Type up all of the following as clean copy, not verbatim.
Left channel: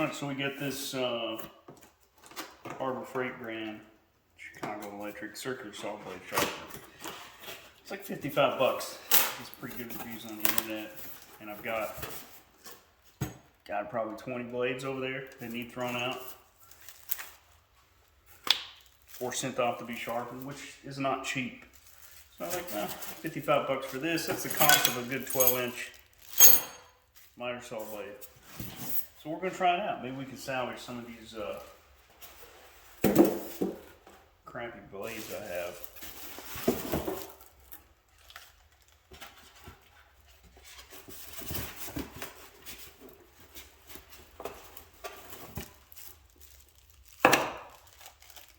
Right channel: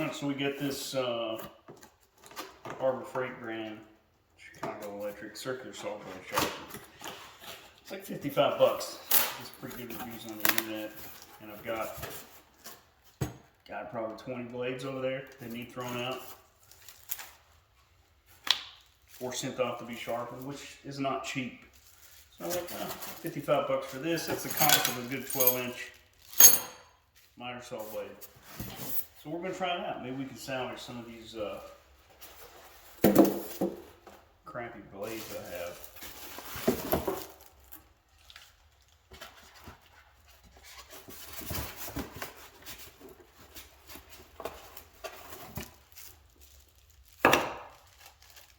Alright, so we got this Harbor Freight brand Chicago electric circular saw blade sharpener. It's like 55 bucks. It's pretty good reviews on the internet. And I've got probably 20 blades over there that need thrown out or sent off to be sharpened, which is not cheap. So I was like, 55 bucks for this. That's the cost of a good 12-inch miter saw blade. So we're going to try it out. Maybe we can salvage some of these crappy blades I have.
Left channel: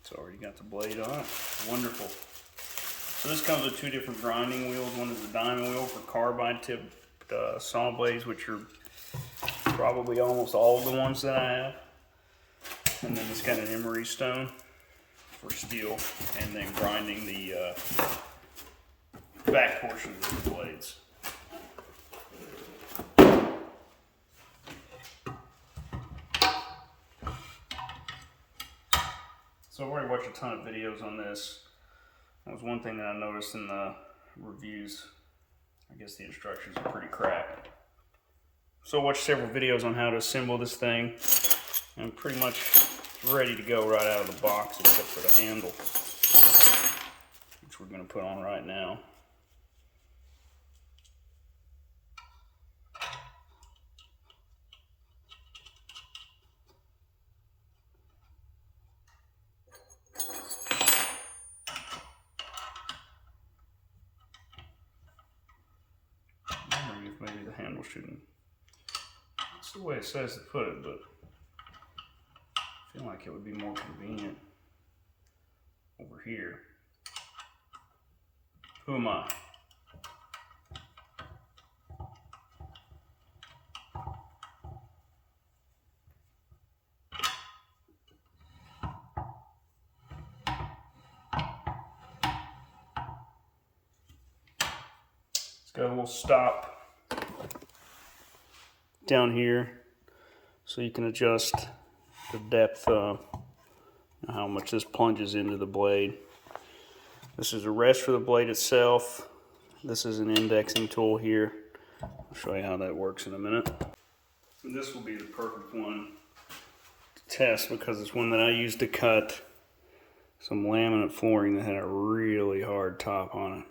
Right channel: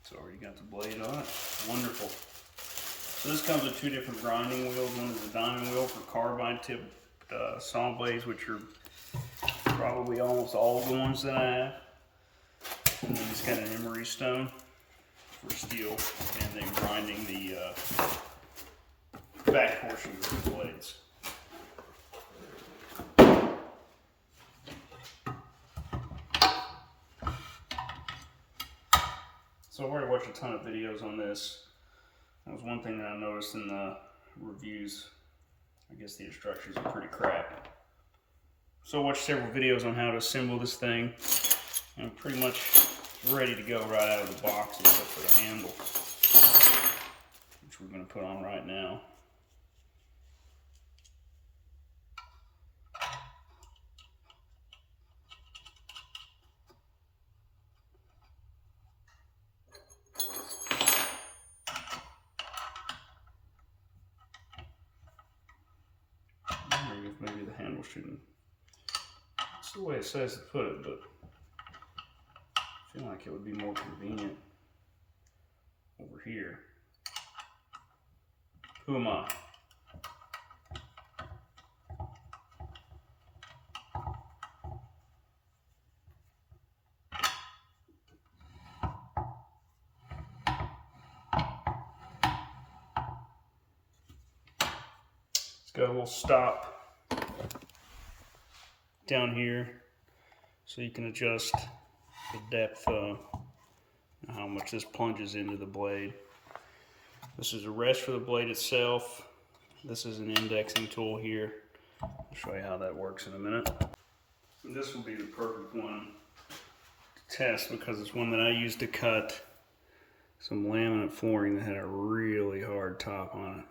So already got the blade on. Wonderful. So this comes with two different grinding wheels. One is a diamond wheel for carbide tipped saw blades, which are probably almost all of the ones that I have. And then this kind of emery stone for steel, and then grinding the back portions of the blades. So I've already watched a ton of videos on this. That was one thing that I noticed in the reviews. I guess the instructions are pretty crap. So I watched several videos on how to assemble this thing. I'm pretty much ready to go right out of the box except for the handle, which we're going to put on right now. I'm wondering if maybe the handle shouldn't. That's the way it says to put it, but I feel like it would be more convenient over here. Who am I? It's got a little stop down here so you can adjust the depth of how much this plunges into the blade. This is a rest for the blade itself. This is an indexing tool here. I'll show you how that works in a minute. And this will be the perfect one to test because it's one that I used to cut some laminate flooring that had a really hard top on it.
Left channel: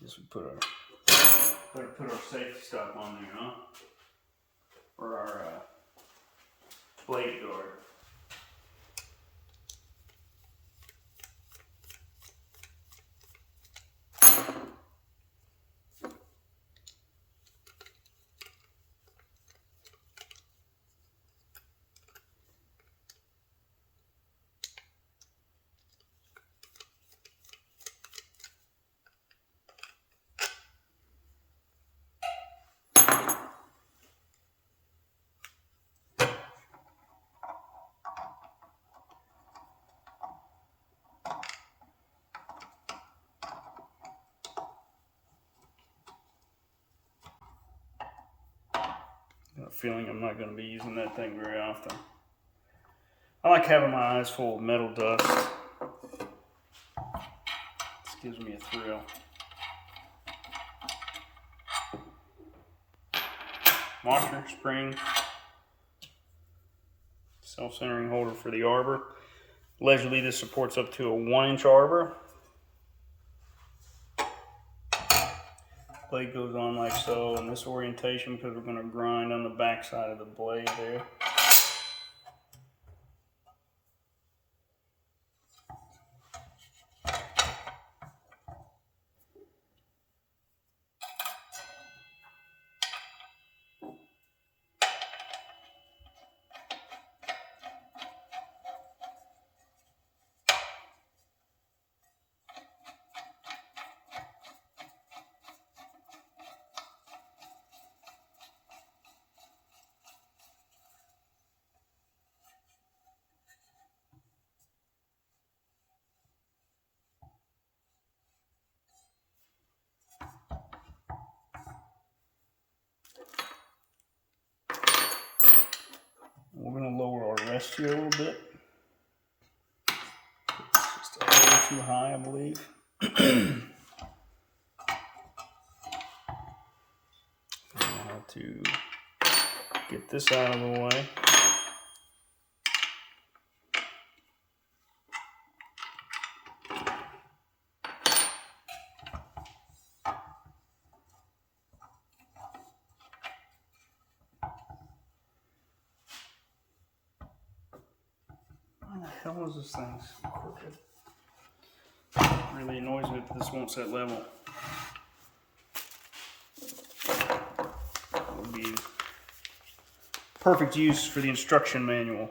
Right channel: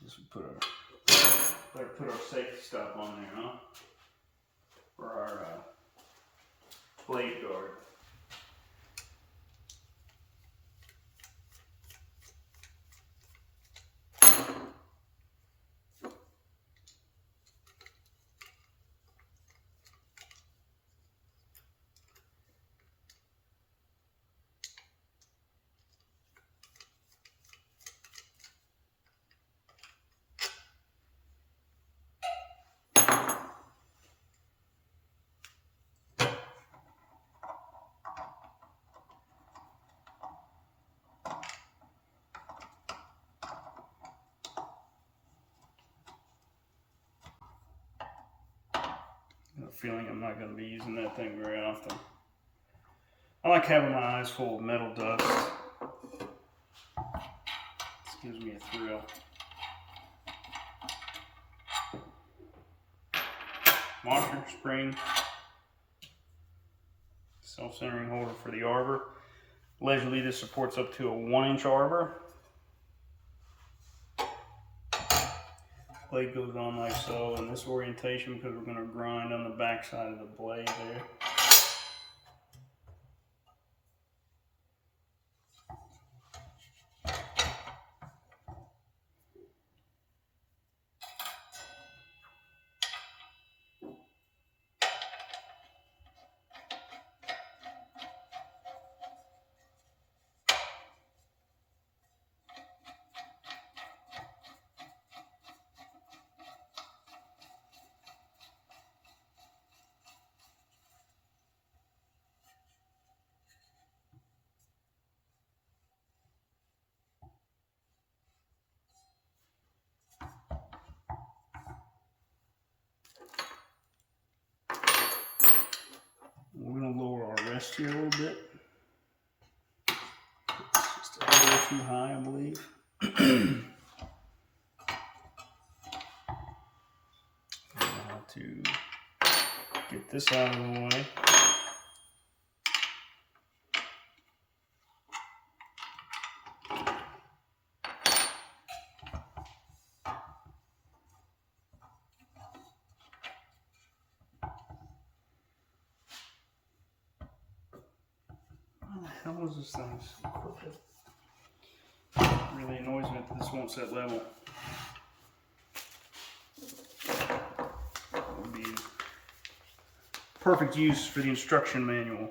This would better put our safety stuff on there, huh? For our blade guard. I have a feeling I'm not going to be using that thing very often. I like having my eyes full of metal dust. This gives me a thrill. Washer, spring, self-centering holder for the arbor. Allegedly this supports up to a 1-inch arbor. Blade goes on like so in this orientation because we're going to grind on the back side of the blade there. rest here a little bit. It's just a little too high, I believe. Now to get this out of the way. Why the hell is this thing so crooked? It really annoys me that this won't set level. It would be perfect use for the instruction manual.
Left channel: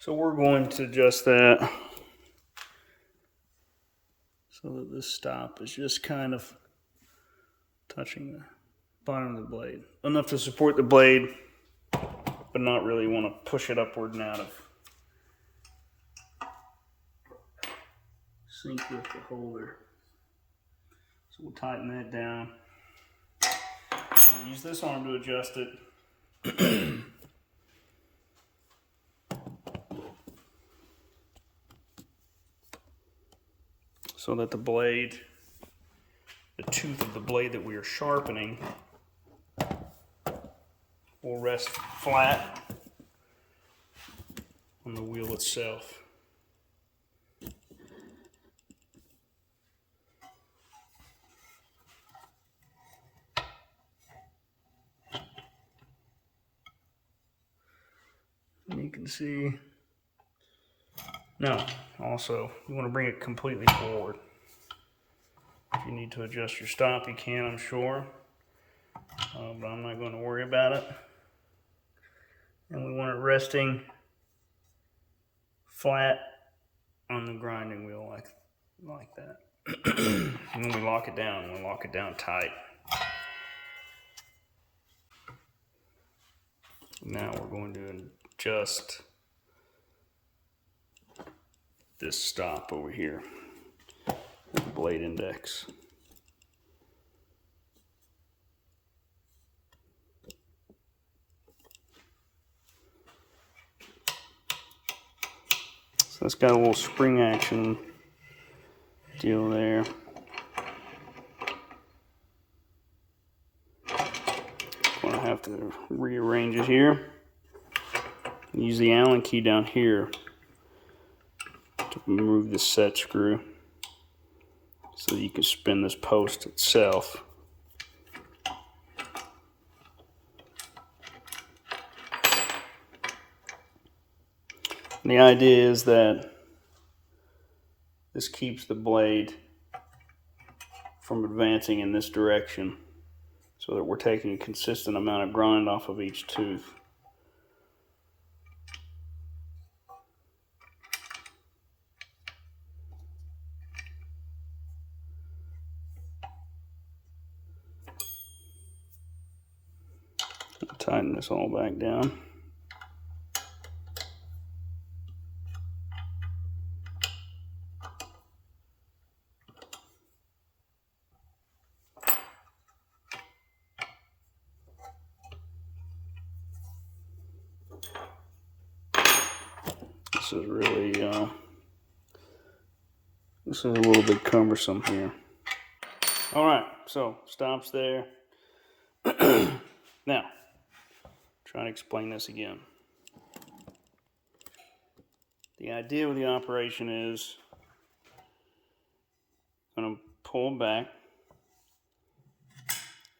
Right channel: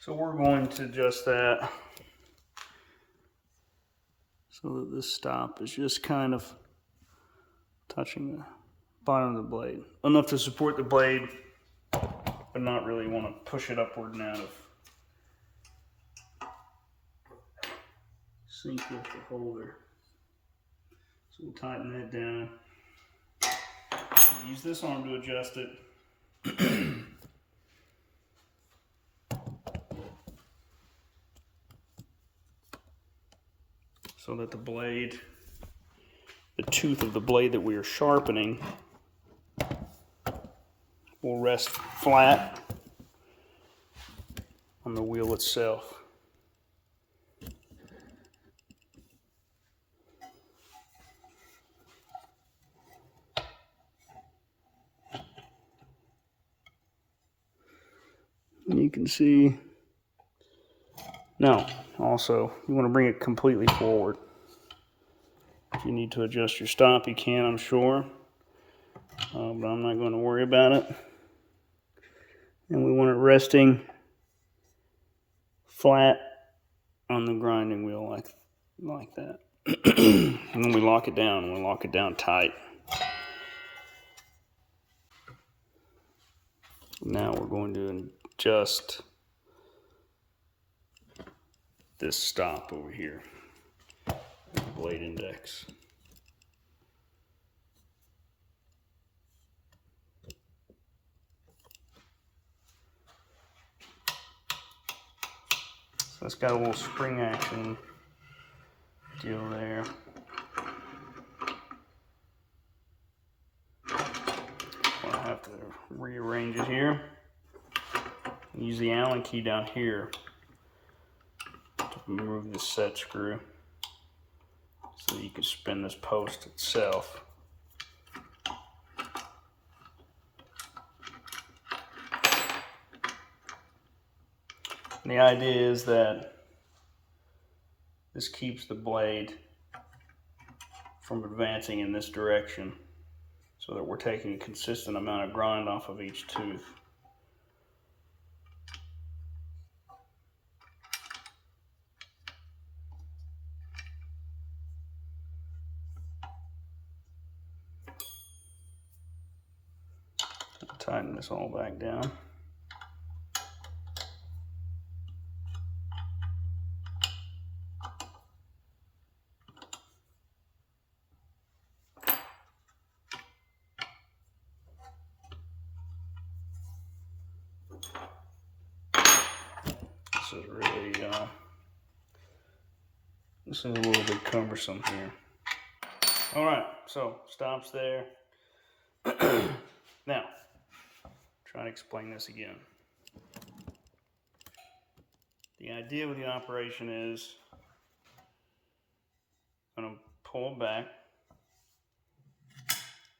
So we're going to adjust that so that this stop is just kind of touching the bottom of the blade. Enough to support the blade, but not really want to push it upward and out of sync with the holder. So we'll tighten that down. I'll use this arm to adjust it. So that the blade, the tooth of the blade that we are sharpening, will rest flat on the wheel itself. And you can see, now also you want to bring it completely forward. If you need to adjust your stop, you can, I'm sure, but I'm not going to worry about it. And we want it resting flat on the grinding wheel like that. And then we lock it down, we lock it down tight. Now we're going to adjust this stop over here, the blade index. So it's got a little spring action deal there. Gonna have to rearrange it here. Use the Allen key down here to remove the set screw so that you can spin this post itself. And the idea is that this keeps the blade from advancing in this direction so that we're taking a consistent amount of grind off of each tooth. Tighten this all back down. This is really, this is a little bit cumbersome here. All right, so stops there. Now, trying to explain this again. The idea with the operation is I'm going to pull back,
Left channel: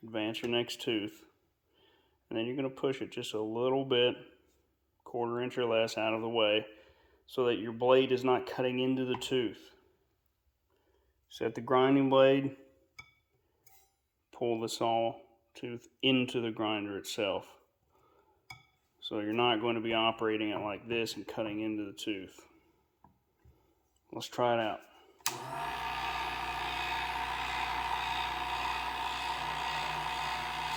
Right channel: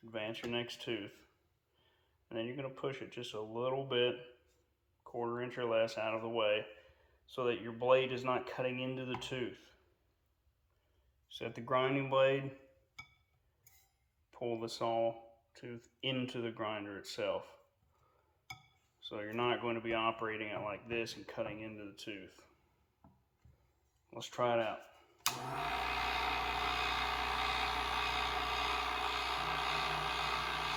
advance your next tooth, and then you're going to push it just a little bit, 1/4 inch or less out of the way, so that your blade is not cutting into the tooth. Set the grinding blade, pull the saw tooth into the grinder itself. So you're not going to be operating it like this and cutting into the tooth. Let's try it out.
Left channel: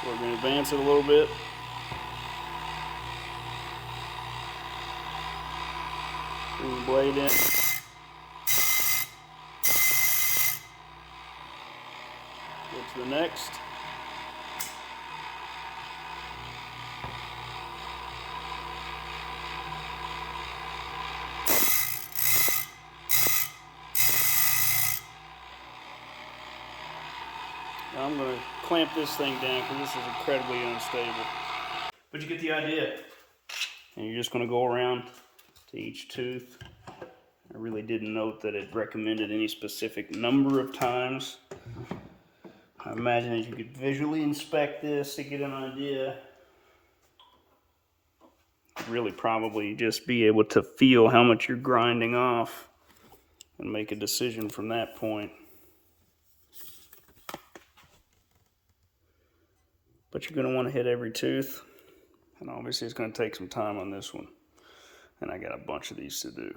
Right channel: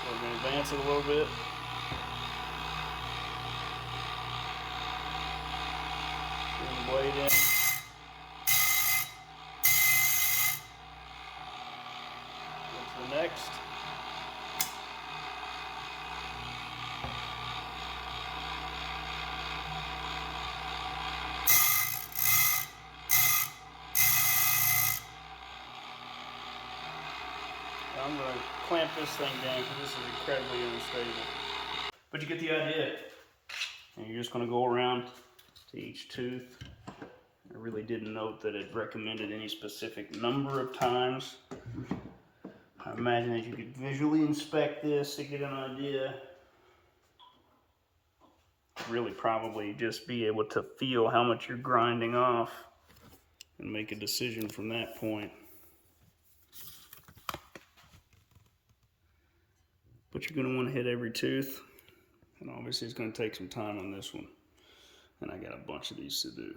So we're going to advance it a little bit. Bring the blade in. Go to the next. I'm going to clamp this thing down because this is incredibly unstable. But you get the idea. And you're just going to go around to each tooth. I really didn't note that it recommended any specific number of times. I imagine that you could visually inspect this to get an idea. Really probably just be able to feel how much you're grinding off and make a decision from that point. But you're going to want to hit every tooth, and obviously it's going to take some time on this one, and I got a bunch of these to do.